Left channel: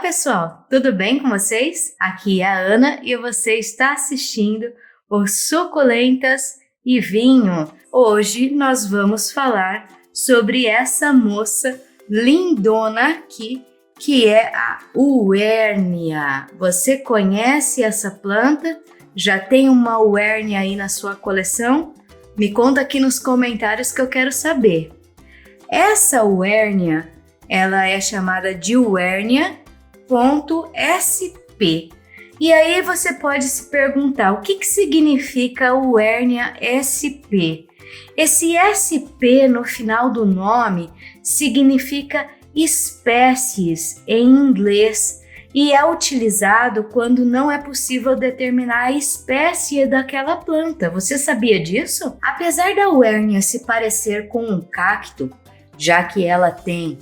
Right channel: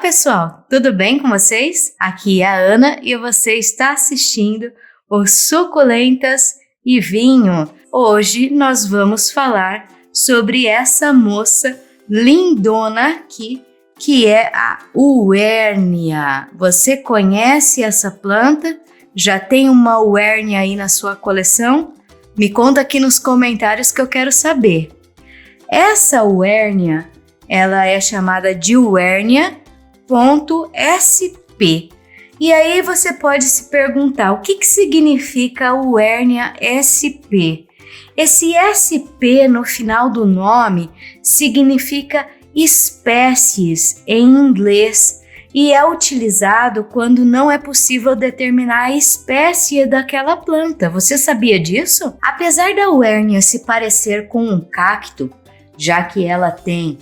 Olá pessoal, tudo bem com vocês? Aqui é a Ana e você está assistindo o Suculentas e Vinho. Hoje nós vamos falar sobre essa moça lindona aqui, que é a Uérnia. Você conhece essa planta? Já tem uma Uérnia aí na sua coleção? Me conta aqui nos comentários que eu quero saber. Essa Uérnia, ela é chamada de Uérnia .sp. E aí você pode se perguntar o que significa Uérnia sp. Esse sp no final do nome significa espécies em inglês e é utilizado quando não é possível determinar a espécie daquela planta. Você sabia disso? Apesar da Uérnia se parecer com um cacto, já que ela tem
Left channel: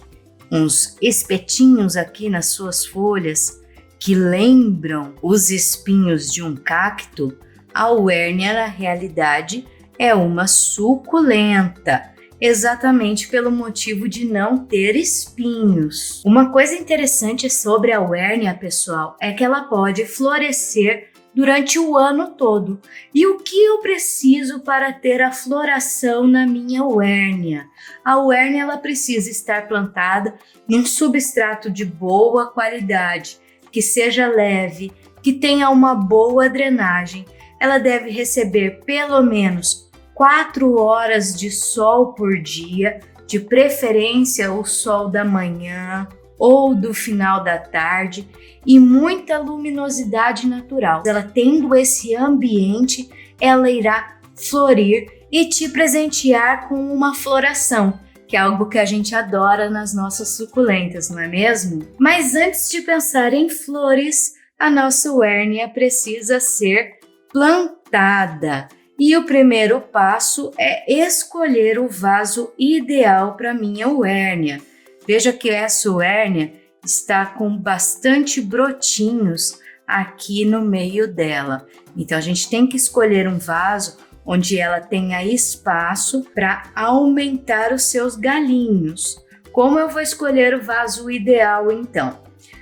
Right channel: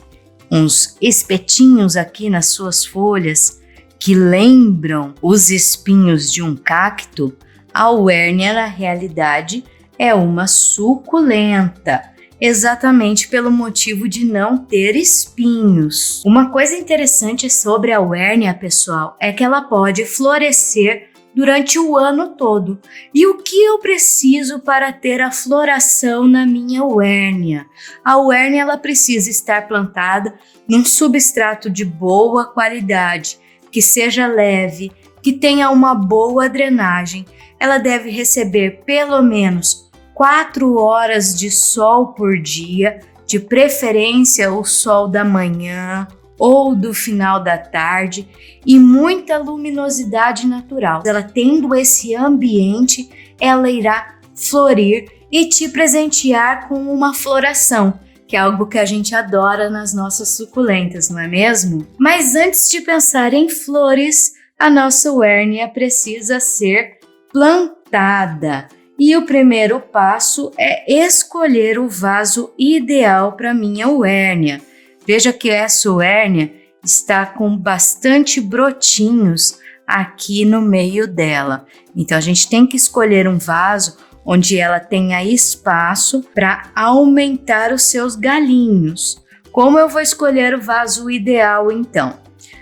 uns espetinhos aqui nas suas folhas que lembram os espinhos de um cacto, a Uérnia na realidade é uma suculenta, exatamente pelo motivo de não ter espinhos. Uma coisa interessante sobre a Uérnia, pessoal, é que ela pode florescer durante o ano todo. E o que eu preciso para ter a floração na minha Uérnia? A Uérnia ela precisa estar plantada num substrato de boa qualidade, que seja leve, que tenha uma boa drenagem. Ela deve receber pelo menos 4 horas de sol por dia, de preferência o sol da manhã ou do final da tarde, e muita luminosidade natural. Ela tendo esse ambiente, ela irá florir e te presentear com uma floração, que é algo que a gente adora nas nossas suculentas, não é mesmo? Mas antes de pensar em flores, a nossa Uérnia precisa ser plantada. E o primeiro passo é escolher o vaso ideal para minha Uérnia. Veja que essa Uérnia está com bastante brotinhos aqui no meio dela. Então a gente tem que escolher um vaso onde ela tenha espaço para aumentar os seus galinhos. Como eu vou escolher o vaso ideal então?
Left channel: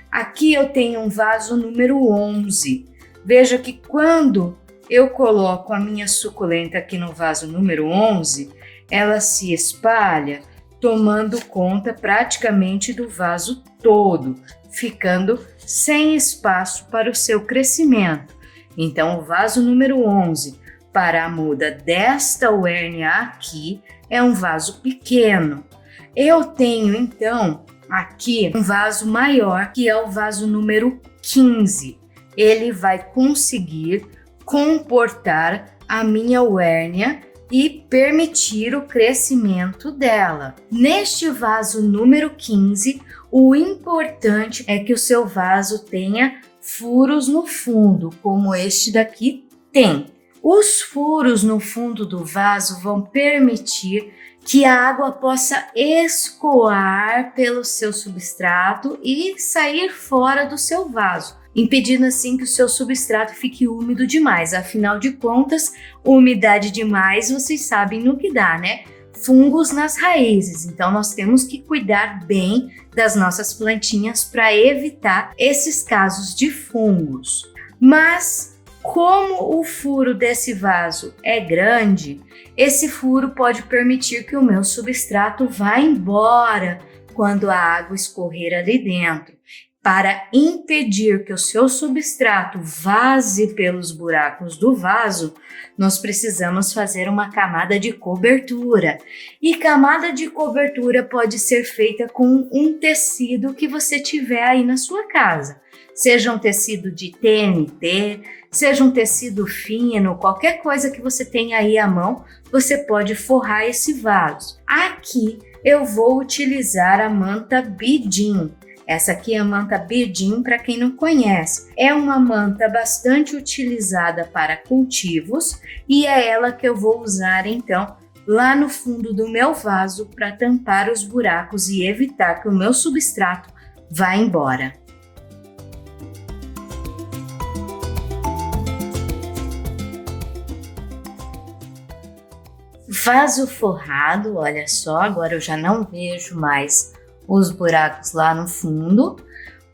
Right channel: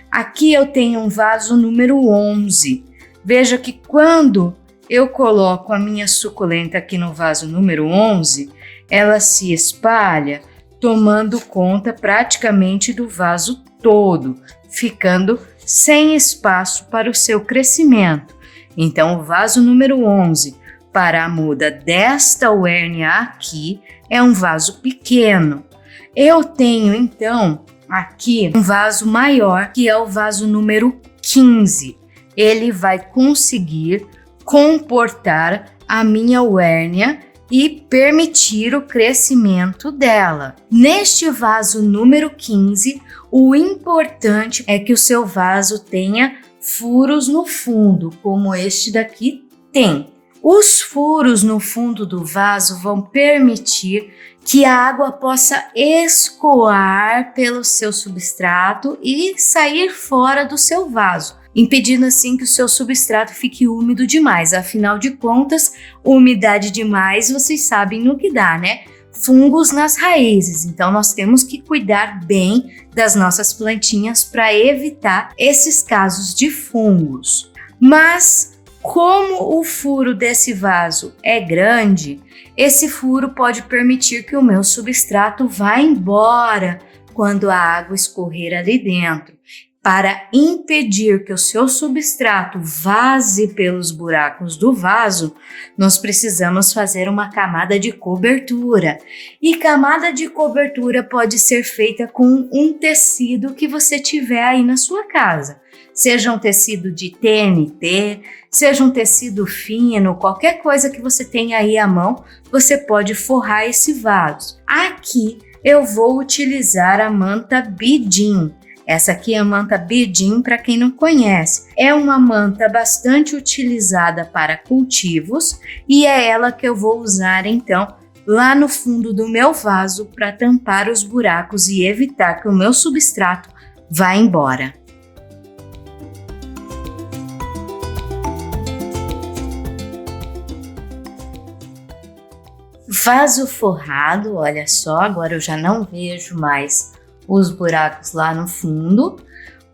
Aqui eu tenho um vaso número 11. Veja que quando eu coloco a minha suculenta aqui no vaso número 11, ela se espalha tomando conta praticamente do vaso todo, ficando sem espaço para o seu crescimento. Então, o vaso número 11 para a muda desta Uérnia aqui é um vaso pequeno. Eu tenho, então, aqui um vaso maior, que é o vaso número 15. Ele vai conseguir comportar a minha Uérnia e permitir o crescimento dela. Neste vaso número 15, o importante é que o seu vaso tenha furos no fundo, como este daqui tem. Os furos no fundo do vaso vão permitir que a água possa escoar pelo seu substrato e sair fora do seu vaso, impedindo assim que o seu substrato fique úmido demais. Afinal de contas, umidade demais, vocês sabem no que dá, né? Fungos nas raízes. Então, nós temos que cuidar bem das nossas plantinhas para evitar esses casos de fungos. Mas, como o furo desse vaso é grande, esse furo pode permitir que o meu substrato vá embora quando a água escorrer ali dentro. Para impedir que o seu substrato vaze pelos buracos do vaso, nós precisamos fazer uma camada de cobertura. E camada de cobertura pode ser feita com um tecido que você tiver aí na sua casa. Seja um tecido de TNT, seja um tecido fino, qualquer coisa que você tenha aí à mão, você pode forrar esse vaso. Aqui eu vou utilizar a manta Bidim. Essa aqui é a manta Bidim, para quem não conhece. É uma manta bastante utilizada para cultivos e é ela que eu vou usar então lá no fundo do meu vaso para tampar os buracos e evitar que o meu substrato vá embora. Vaso forrado, olha só, agora eu já não vejo mais os buracos lá no fundo.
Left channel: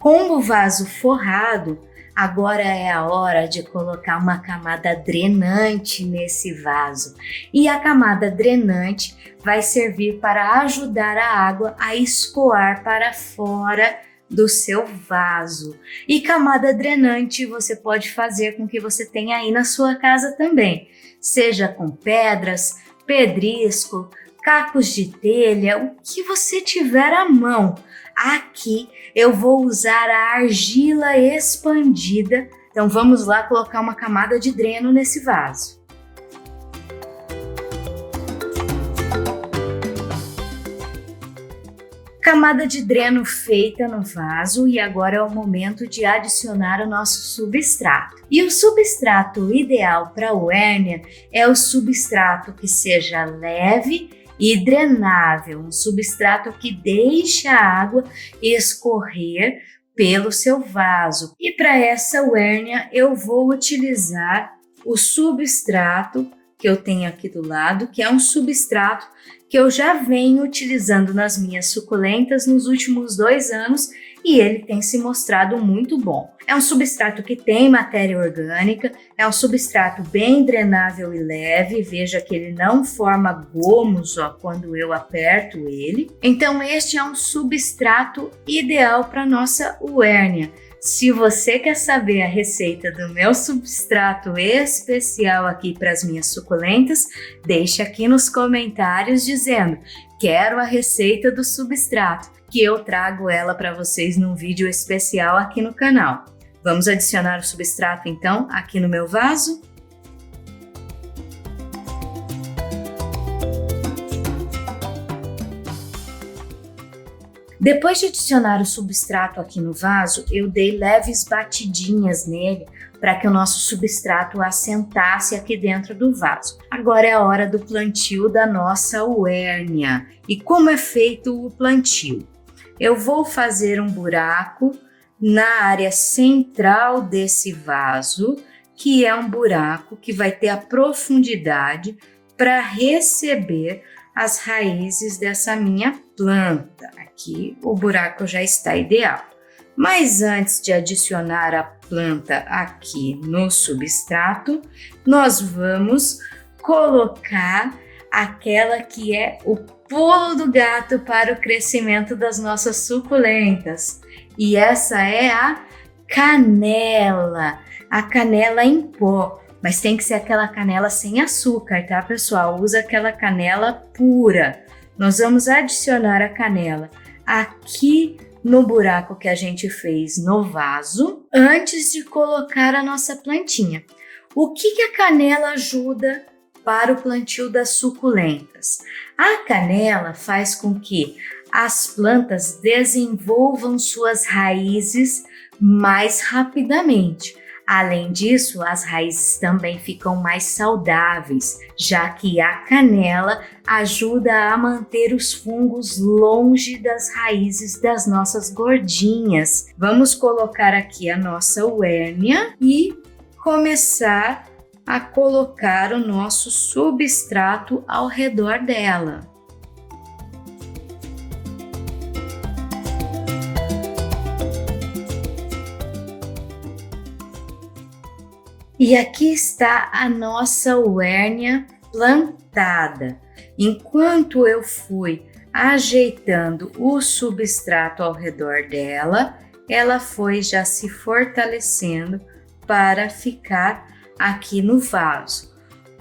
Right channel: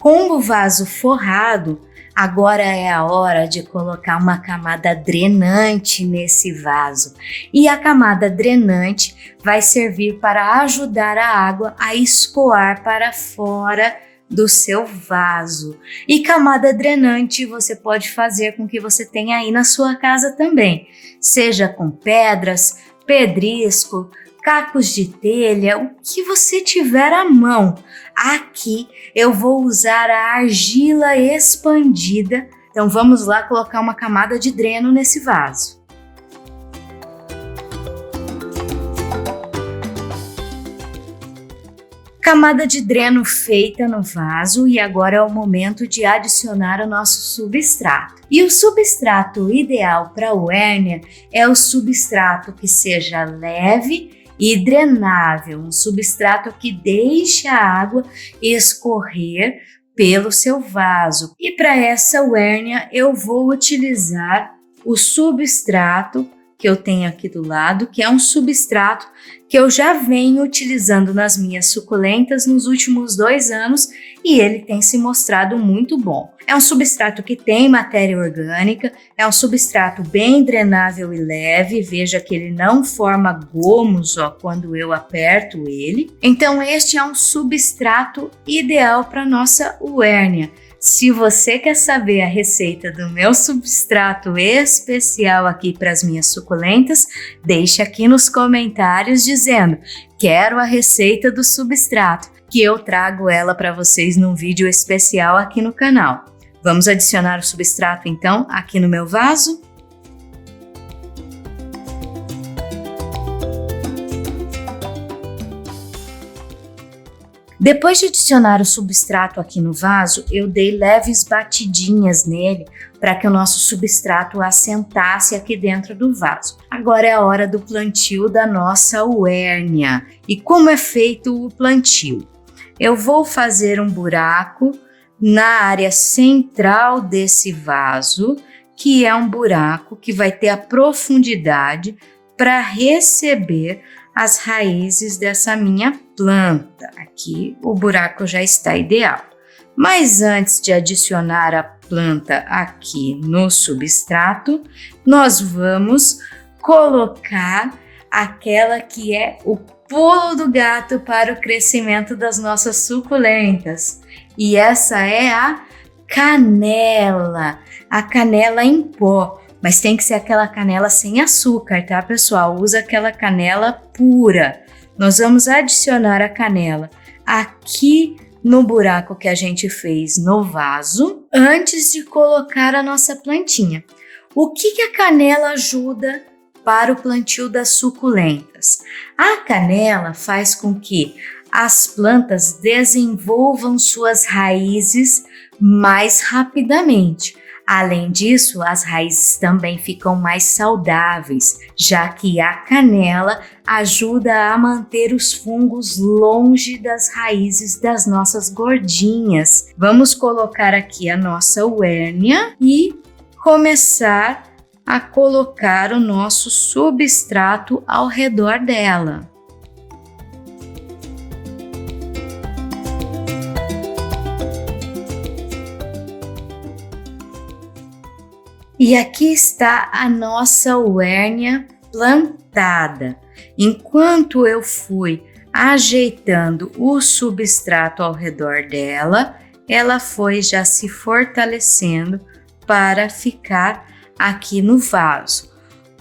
Com o vaso forrado, agora é a hora de colocar uma camada drenante nesse vaso. E a camada drenante vai servir para ajudar a água a escoar para fora do seu vaso. E camada drenante você pode fazer com que você tenha aí na sua casa também, seja com pedras, pedrisco, cacos de telha, o que você tiver à mão. Aqui eu vou usar a argila expandida, então vamos lá colocar uma camada de dreno nesse vaso. Camada de dreno feita no vaso e agora é o momento de adicionar o nosso substrato. E o substrato ideal para o hérnia é o substrato que seja leve e drenável, um substrato que deixe a água escorrer pelo seu vaso. E para essa hérnia eu vou utilizar o substrato que eu tenho aqui do lado, que é um substrato que eu já venho utilizando nas minhas suculentas nos últimos 2 anos e ele tem se mostrado muito bom. É um substrato que tem matéria orgânica, é um substrato bem drenável e leve, veja que ele não forma gomos quando eu aperto ele. Então este é um substrato ideal para nossa hérnia. Se você quer saber a receita do meu substrato especial aqui para as minhas suculentas, deixe aqui nos comentários dizendo: quero a receita do substrato, que eu trago ela para vocês num vídeo especial aqui no canal. Vamos adicionar o substrato então aqui no meu vaso? Depois de adicionar o substrato aqui no vaso, eu dei leves batidinhas nele para que o nosso substrato assentasse aqui dentro do vaso. Agora é a hora do plantio da nossa hérnia. E como é feito o plantio? Eu vou fazer um buraco na área central desse vaso, que é um buraco que vai ter a profundidade para receber as raízes dessa minha planta. Aqui o buraco já está ideal. Mas antes de adicionar a planta aqui no substrato, nós vamos colocar aquela que é o pulo do gato para o crescimento das nossas suculentas. E essa é a canela em pó. Mas tem que ser aquela canela sem açúcar, tá, pessoal? Usa aquela canela pura. Nós vamos adicionar a canela aqui no buraco que a gente fez no vaso, antes de colocar a nossa plantinha. O que a canela ajuda para o plantio das suculentas? A canela faz com que as plantas desenvolvam suas raízes mais rapidamente. Além disso, as raízes também ficam mais saudáveis, já que a canela ajuda a manter os fungos longe das raízes das nossas gordinhas. Vamos colocar aqui a nossa hérnia e começar a colocar o nosso substrato ao redor dela. E aqui está a nossa hérnia plantada. Enquanto eu fui ajeitando o substrato ao redor dela, ela foi já se fortalecendo para ficar aqui no vaso.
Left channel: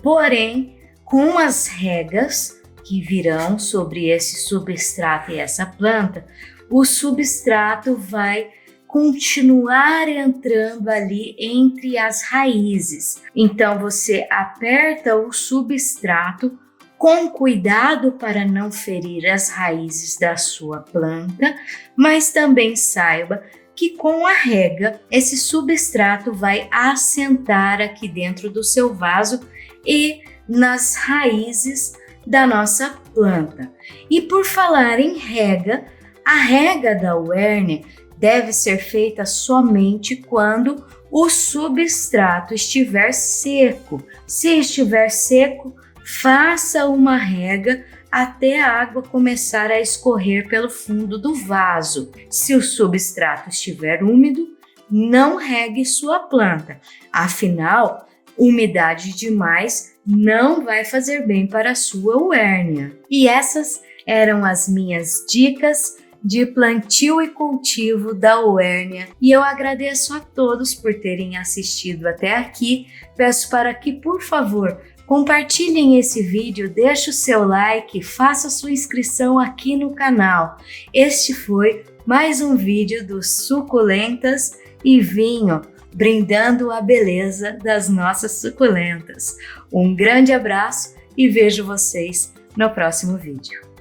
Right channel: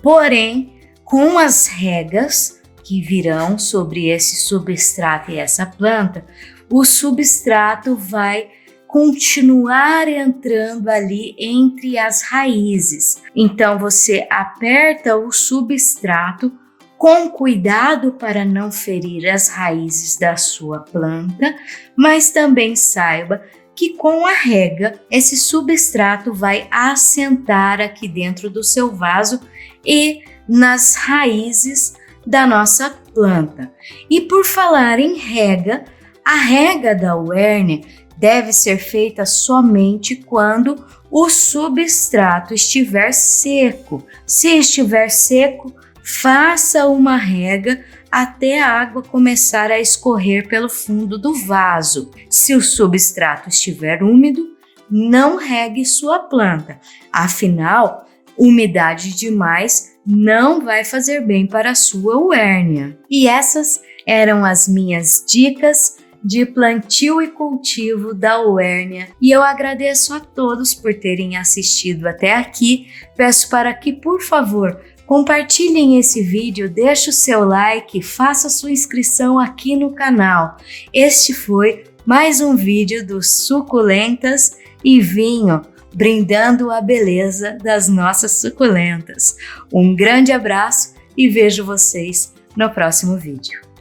Porém, com as regas que virão sobre esse substrato e essa planta, o substrato vai continuar entrando ali entre as raízes. Então você aperta o substrato com cuidado para não ferir as raízes da sua planta, mas também saiba que com a rega esse substrato vai assentar aqui dentro do seu vaso e nas raízes da nossa planta. E por falar em rega, a rega da hérnia deve ser feita somente quando o substrato estiver seco. Se estiver seco, faça uma rega até a água começar a escorrer pelo fundo do vaso. Se o substrato estiver úmido, não regue sua planta, afinal, umidade demais não vai fazer bem para a sua uérnia. E essas eram as minhas dicas de plantio e cultivo da uérnia, e eu agradeço a todos por terem assistido até aqui. Peço para que, por favor, compartilhem esse vídeo, deixe o seu like, faça sua inscrição aqui no canal. Este foi mais um vídeo dos Suculentas e Vinho, brindando a beleza das nossas suculentas. Um grande abraço e vejo vocês no próximo vídeo.